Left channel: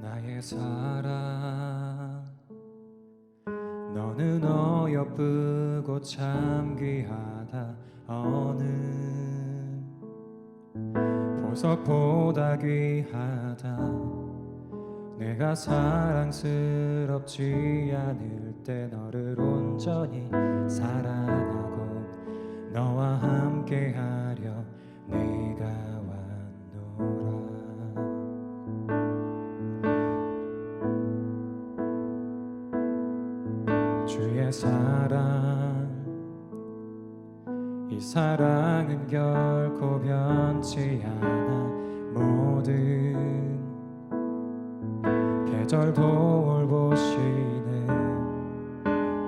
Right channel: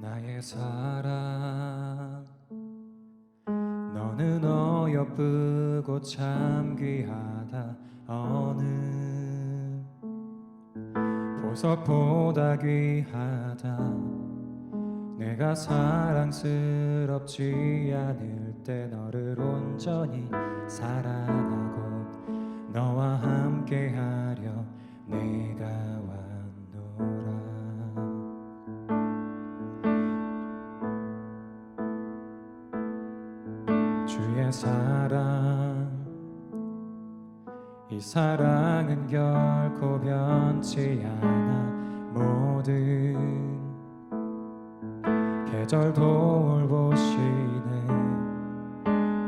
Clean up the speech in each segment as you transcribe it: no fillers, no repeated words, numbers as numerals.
나의 사랑 너는 어여쁘고 참 귀하다. 어느 보석보다 귀하다. 내가 사랑스럽지 않을 때 너를 온전히 사랑하고 너와 함께하려 내가 왔노라. 주의 사랑, 이 사랑은 결코 변치 않아. 모든 계절 돌보시네.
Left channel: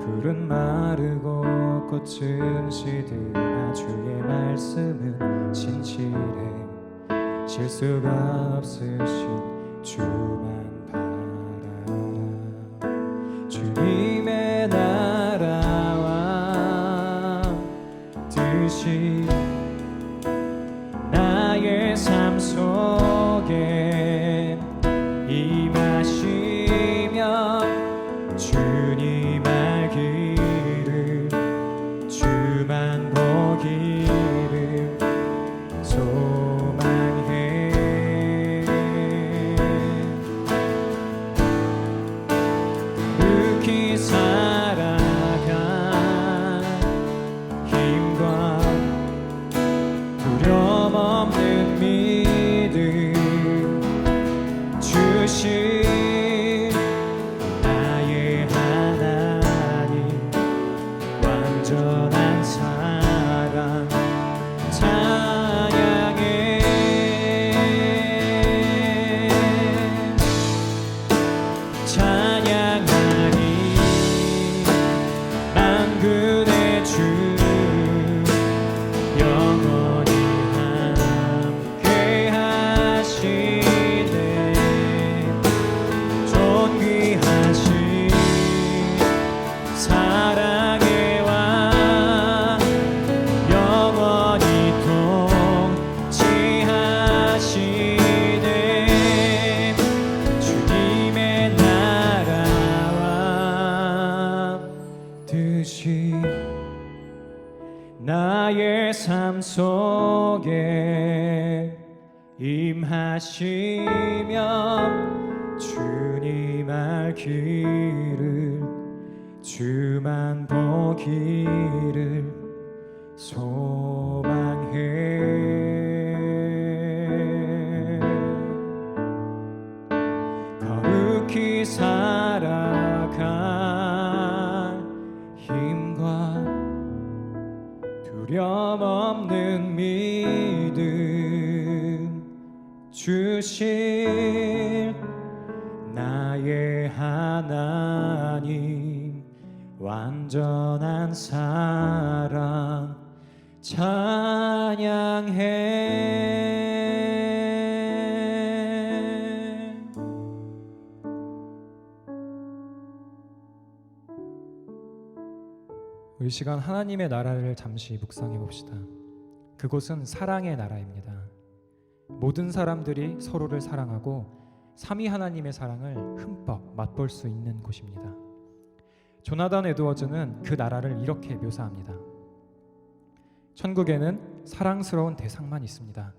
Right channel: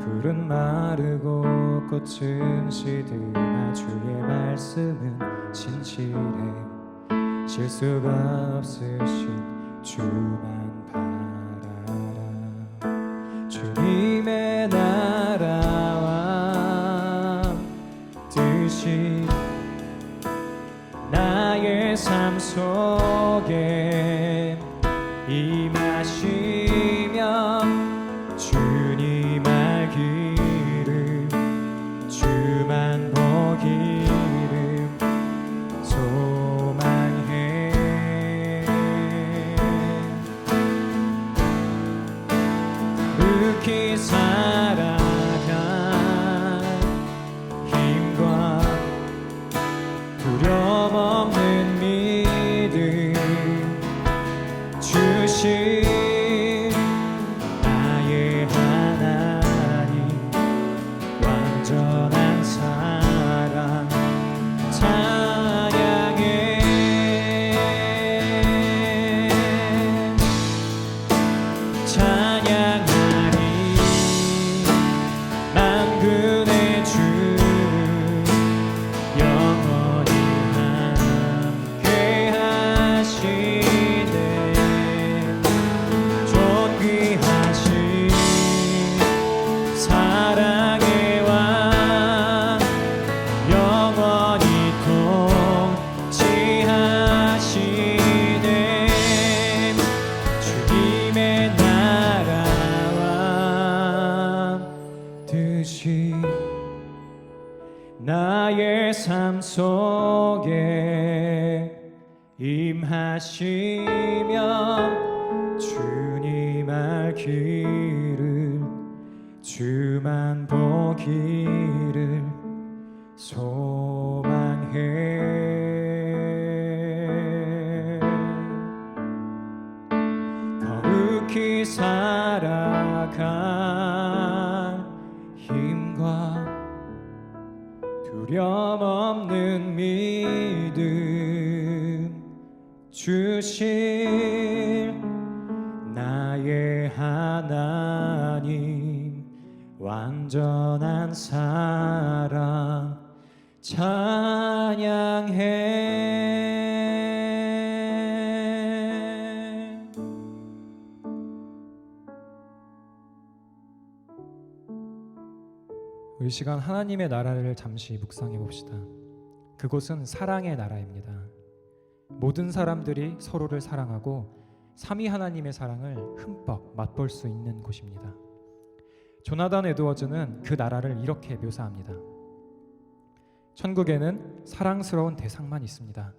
풀은 마르고 꽃은 시드나 주의 말씀은 진실해. 실수가 없으신 주만 바라라. 주님의 나라와 뜻이 나의 삶 속에 임하시면 주님 알기를 주만 보기를 소망해. 거룩히 살아갈 힘과 두려움 없는 믿음 주신 나의 하나님, 완전한 사랑 찬양해. 찬양하리 만군의 주 영원히 함께 하시네. 존귀하신 사랑의 왕 영원히 통치하시네. 주님의 나라와 뜻이 나의 삶 속에 임하시면 주님 알기를 주만 보기를 소망해. 거룩히 살아갈 힘과 두려움 없는 믿음 주실 나의 하나님, 완전한 사랑 찬양해. 우리 시간 하나님의 나라를 잠시 묵상해 봅시다. 그곳은 사랑의 나라입니다. 모든 사람들이 서로를 사랑하고 삼위 하나님의 사랑을 흠뻑 맛볼 수 있는 곳입니다. 조나단 에드워즈는 그 나라를 이렇게 묘사합니다. 천국에는 사랑스러운 대상만 있습니다.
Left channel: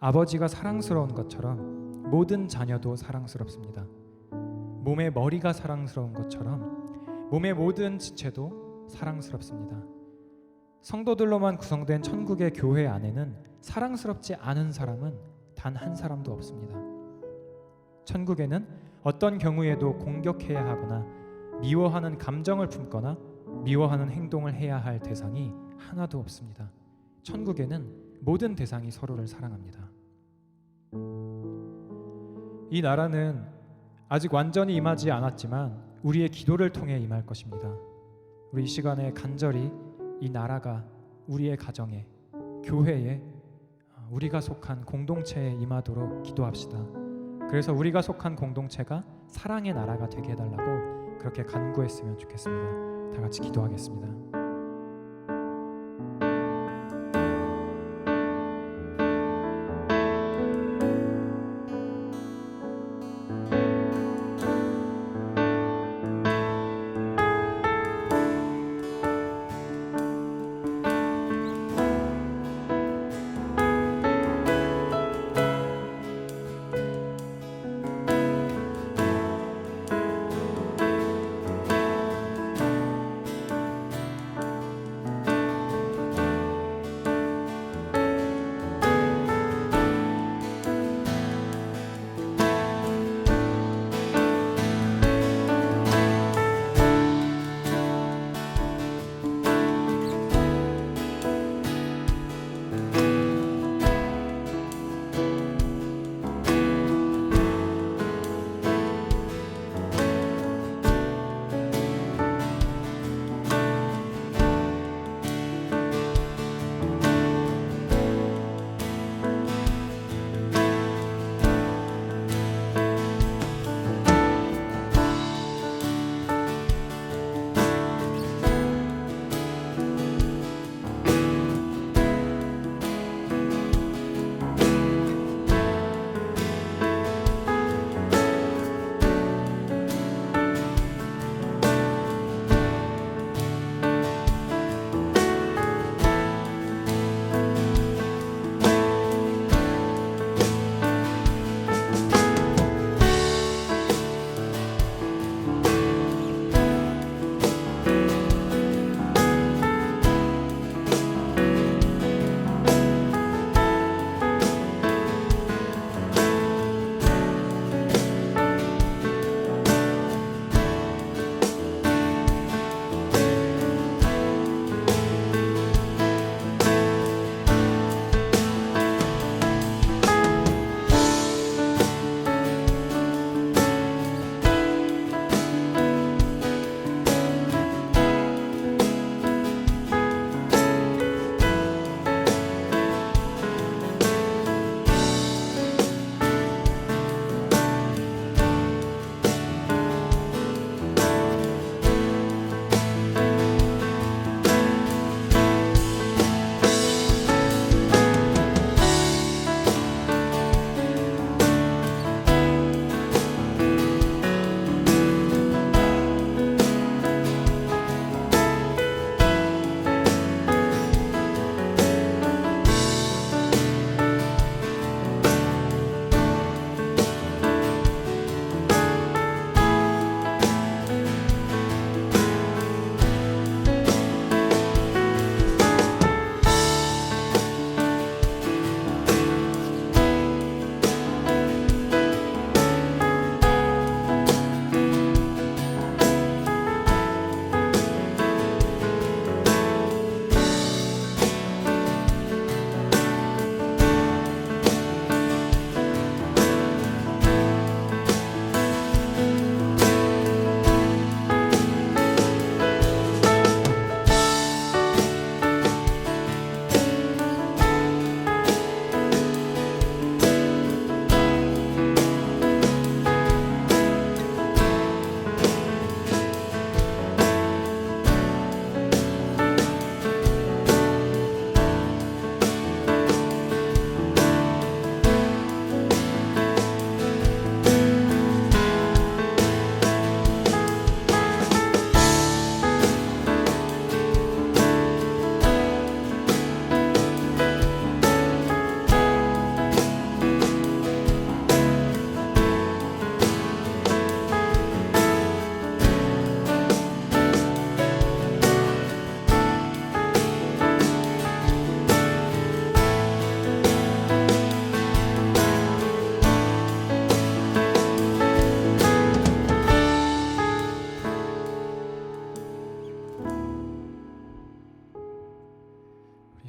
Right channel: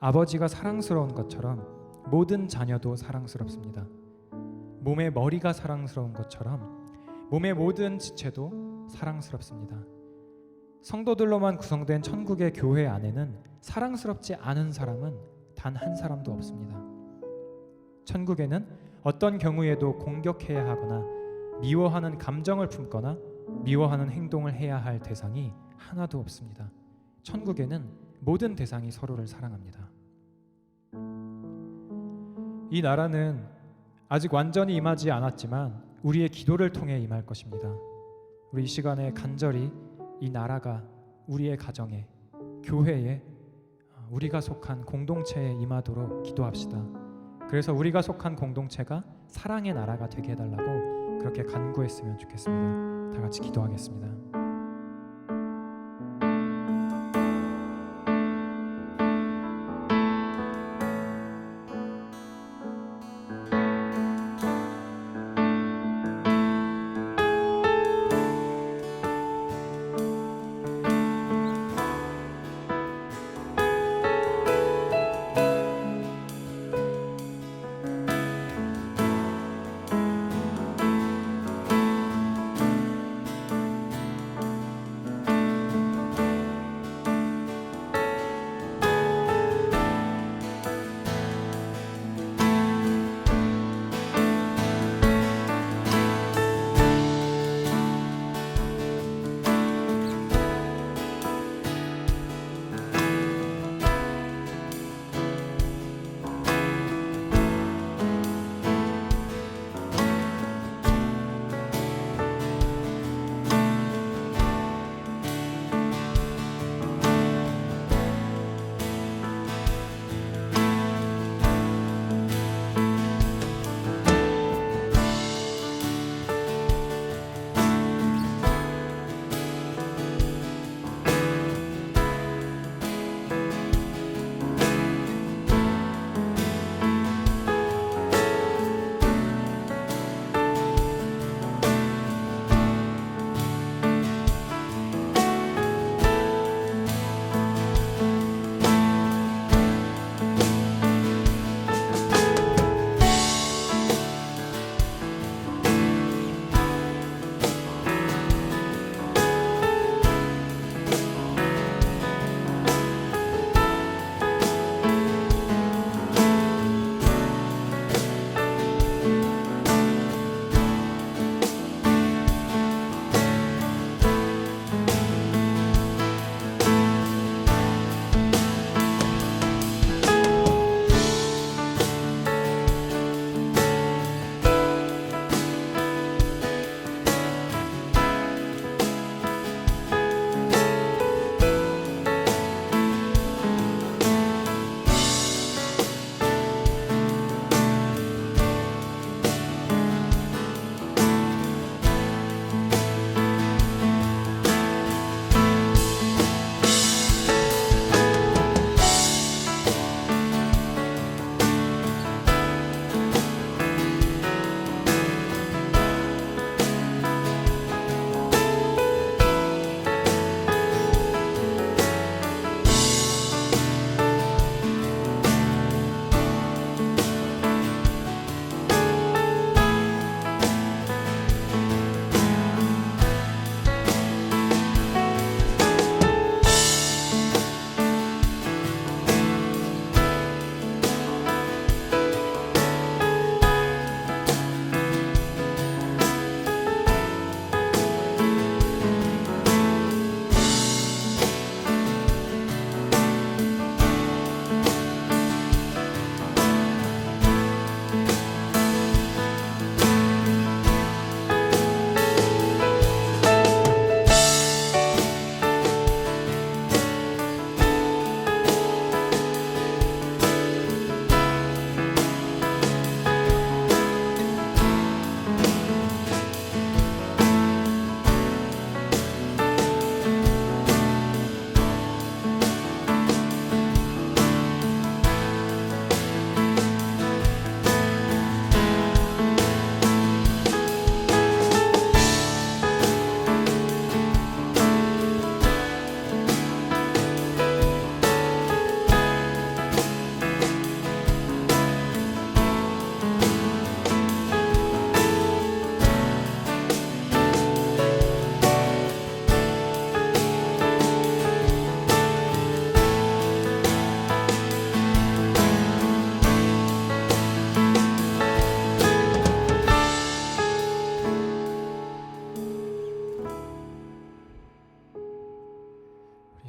아버지가 사랑스러운 것처럼 모든 자녀도 사랑스럽습니다. 몸의 머리가 사랑스러운 것처럼 몸의 모든 지체도 사랑스럽습니다. 성도들로만 구성된 천국의 교회 안에는 사랑스럽지 않은 사람은 단 한 사람도 없습니다. 천국에는 어떤 경우에도 공격해야 하거나 미워하는 감정을 품거나 미워하는 행동을 해야 할 대상이 하나도 없습니다. 천국에는 모든 대상이 서로를 사랑합니다. 이 나라는 아직 완전히 임하지 않았지만 우리의 기도를 통해 임할 것입니다. 우리 이 시간에 간절히 이 나라가 우리의 가정에, 교회에, 우리가 속한 공동체에 임하도록 기도합시다. 그래서 우리가 속한 공동체가 사랑의 나라가 되게 해달라고 그렇게 간구했으면 좋겠습니다. 다 같이 기도하겠습니다.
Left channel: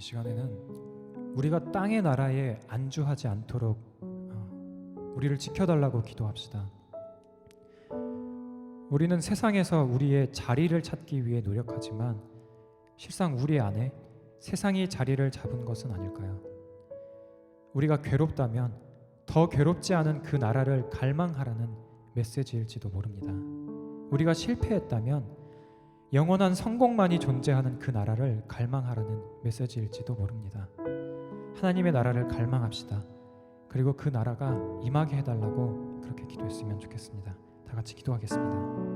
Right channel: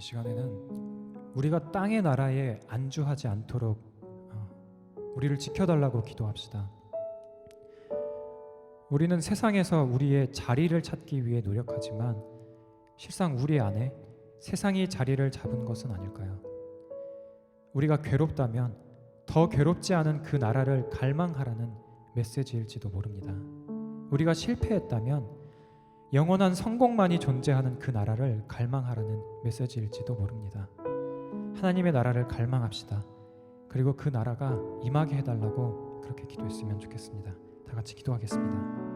시간에는 우리가 땅의 나라에 안주하지 않도록 우리를 지켜달라고 기도합시다. 우리는 세상에서 우리의 자리를 찾기 위해 노력하지만 실상 우리 안에 세상이 자리를 잡은 것은 아닐까요? 우리가 괴롭다면 더 괴롭지 않은 그 나라를 갈망하라는 메시지일지도 모릅니다. 우리가 실패했다면 영원한 성공만이 존재하는 그 나라를 갈망하라는 메시지일지도 모릅니다. 하나님의 나라를 갈망합시다. 그리고 그 나라가 임하게 해달라고 그렇게 기도했으면 좋겠습니다. 다 같이 기도하겠습니다.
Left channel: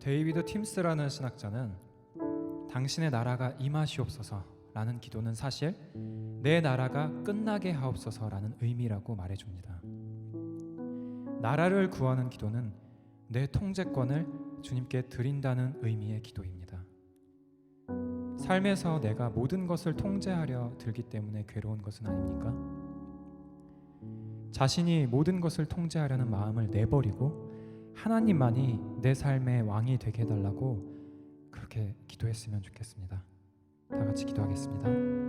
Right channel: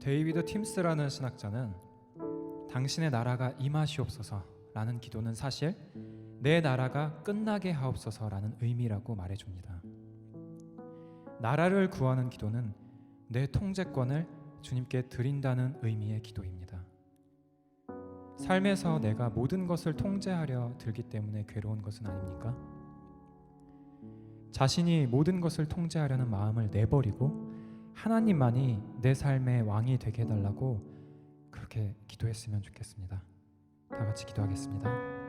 데이비드 팀스라는 신학자는 당신의 나라가 임하시옵소서라는 기도는 사실 내 나라가 끝나게 하옵소서라는 의미라고 말해줍니다. 나라를 구하는 기도는 내 통제권을 주님께 드린다는 의미의 기도입니다. 삶에서 내가 모든 것을 통제하려 들기 때문에 괴로운 것은 아닙니까? 자신이 모든 것을 통제하려는 마음을 내버리고 하나님만이 내 삶의 왕이 되게 해달라고 그렇게 기도했으면 좋겠습니다. 다 같이 기도하겠습니다.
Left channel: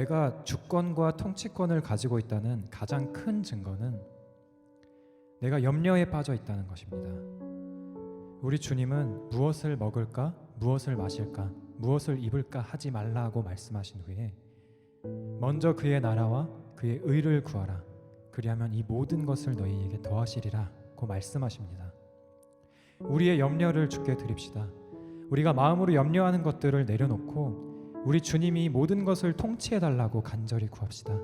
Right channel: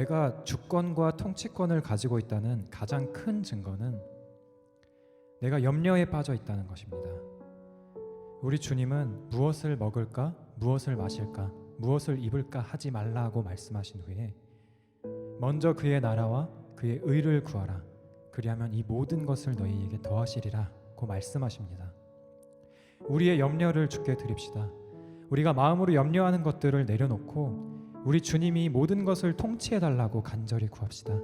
내가 주권과 통치권을 가지고 있다는 가장 큰 증거는 내가 염려에 빠져 있다는 것입니다. 우리 주님은 무엇을 먹을까, 무엇을 마실까, 무엇을 입을까 하지 말라고 말씀하신 후에 먼저 그의 나라와 그의 의를 구하라. 그리하면 이 모든 것을 너희에게 더하시리라고 말씀하십니다. 우리의 염려를 주께 드립시다. 우리가 마음으로 염려하는 것들을 내려놓고 우리 주님이 모든 것을 통치해달라고 간절히 구합시다.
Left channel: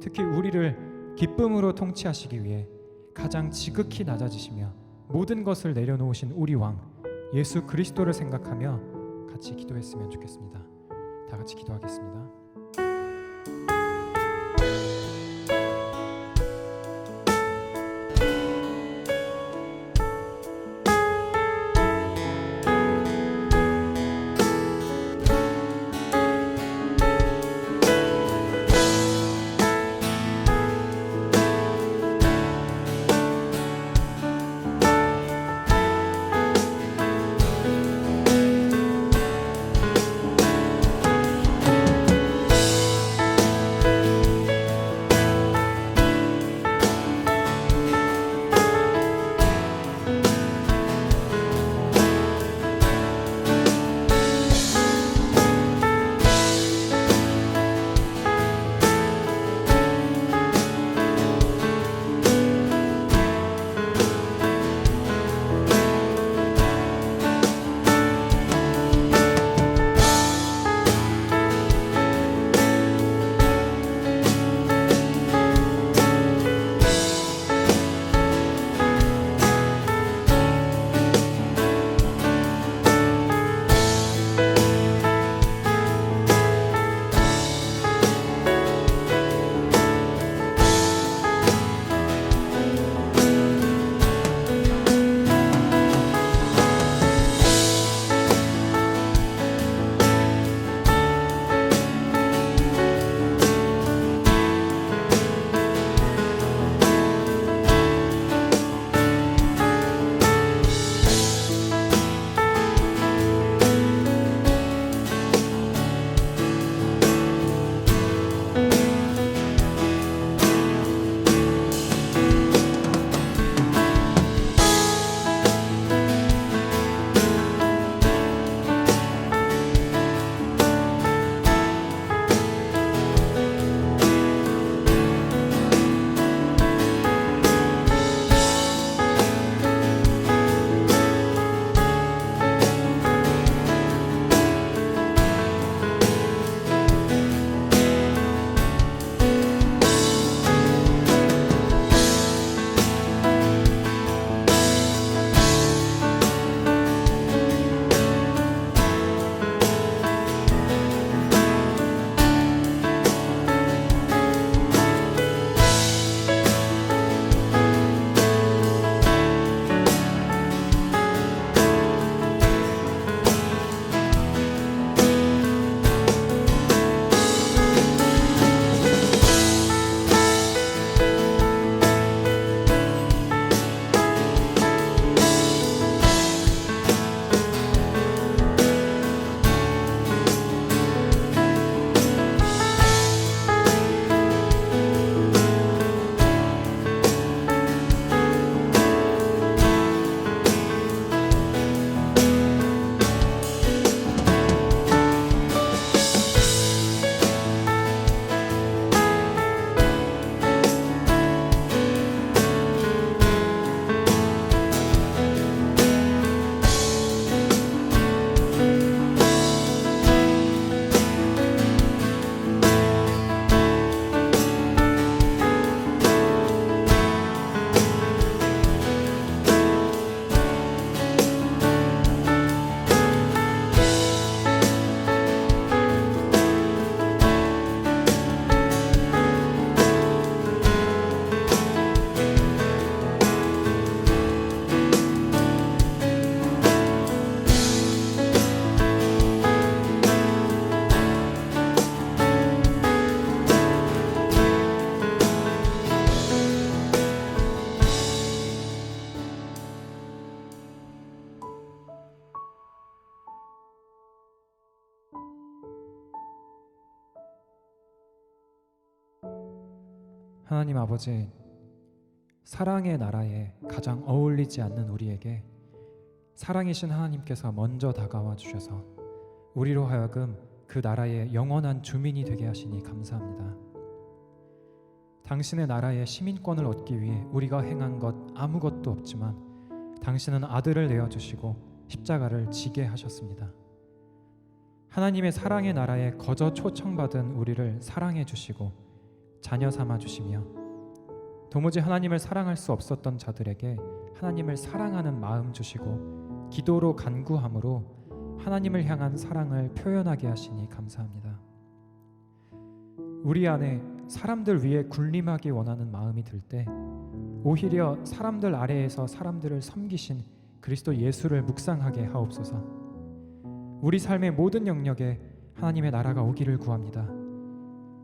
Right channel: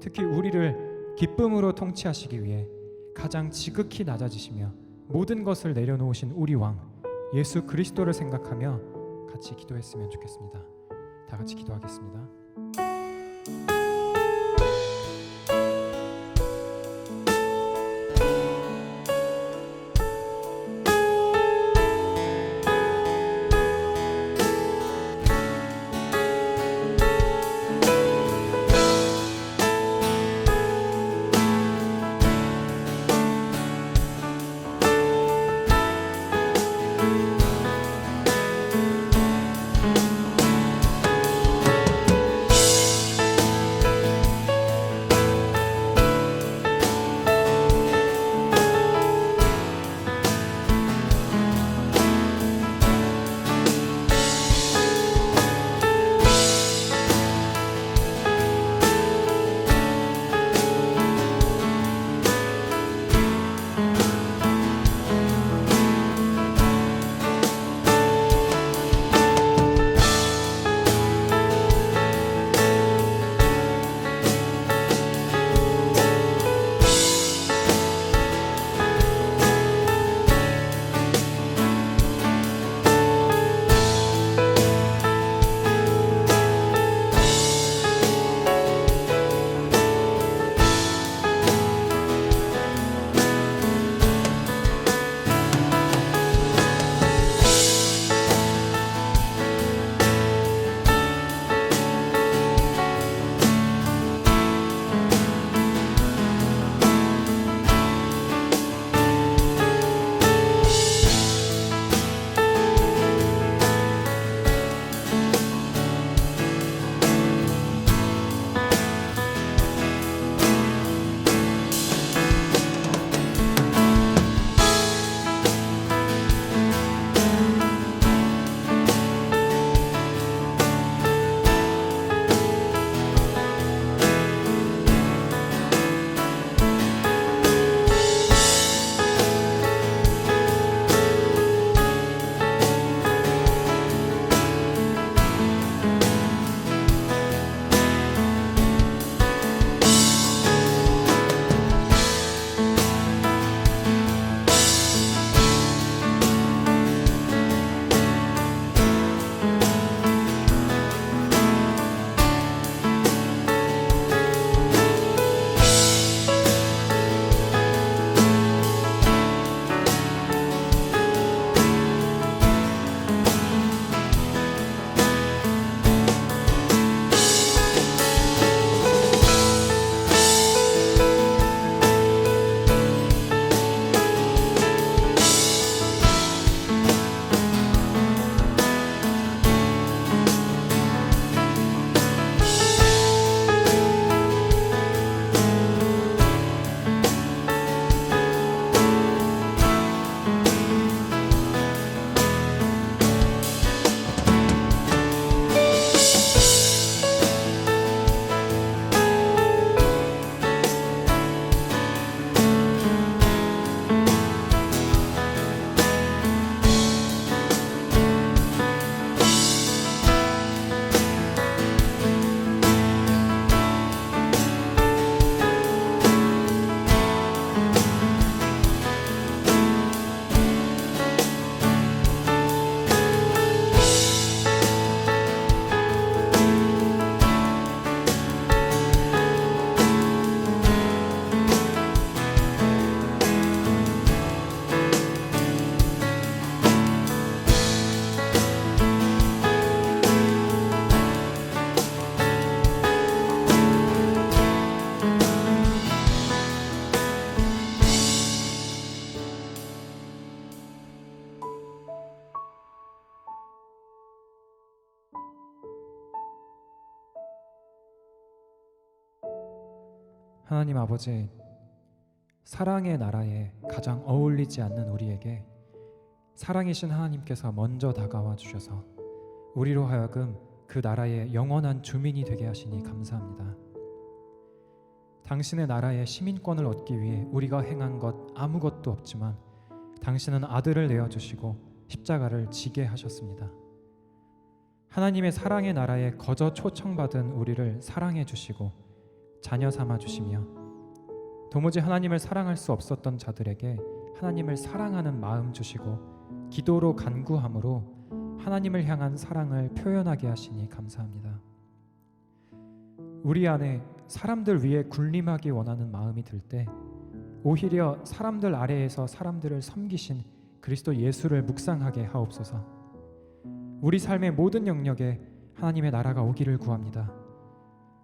특히 우리를 기쁨으로 통치하시기 위해 가장 지극히 낮아지시며 모든 것을 내려놓으신 우리 왕 예수 그리스도를 생각하며 같이 기도했으면 좋겠습니다. 다 같이 기도하겠습니다. 하나님 아버지, 사랑의 나라에 가장 어울리지 않는 우리에게 사랑이신 하나님께서 먼저 다가와 주셔서 우리로 하여금 그 나라의 영원한 주민이 되게 하시니 감사합니다. 당신의 나라의 시민권을 얻기 위해 우리가 행한 것 아무것도 없지만 당신은 아들을 내어주시고 십자가를 지게 하셨습니다. 하나님의 사랑의 나라에 거저 초청받은 우리를 사랑해 주시고 자녀 삼아 주시며 도무지 하나님을 사랑할 수 없었던 자들에게 하나님을 사랑하는 마음 주시고 기도로 간구함으로 하나님을 향한 사랑을 표현하게 하시니 감사합니다. 우리 안에 사람들 위에 군림하기 원하는 마음이 들 때 오히려 사람들 아래에서 사람들을 섬기신 그리스도 예수를 묵상하게 하옵소서. 우리 삶의 모든 영역에 하나님의 나라가 오기를 구합니다.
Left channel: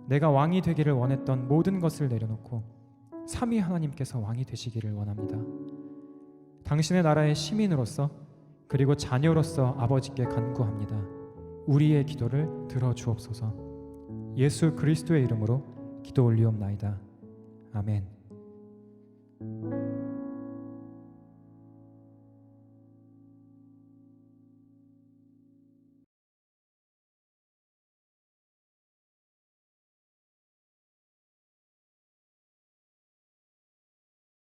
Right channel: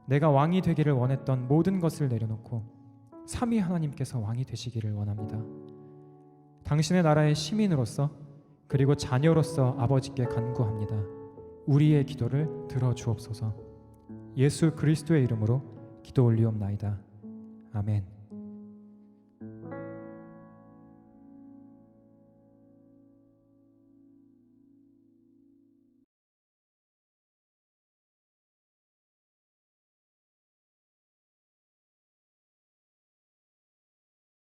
내가 왕이 되기를 원했던 모든 것을 내려놓고 삼위 하나님께서 왕이 되시기를 원합니다. 당신의 나라의 시민으로서 그리고 자녀로서 아버지께 간구합니다. 우리의 기도를 들어주옵소서. 예수 그리스도의 이름으로 기도 올리옵나이다. 아멘.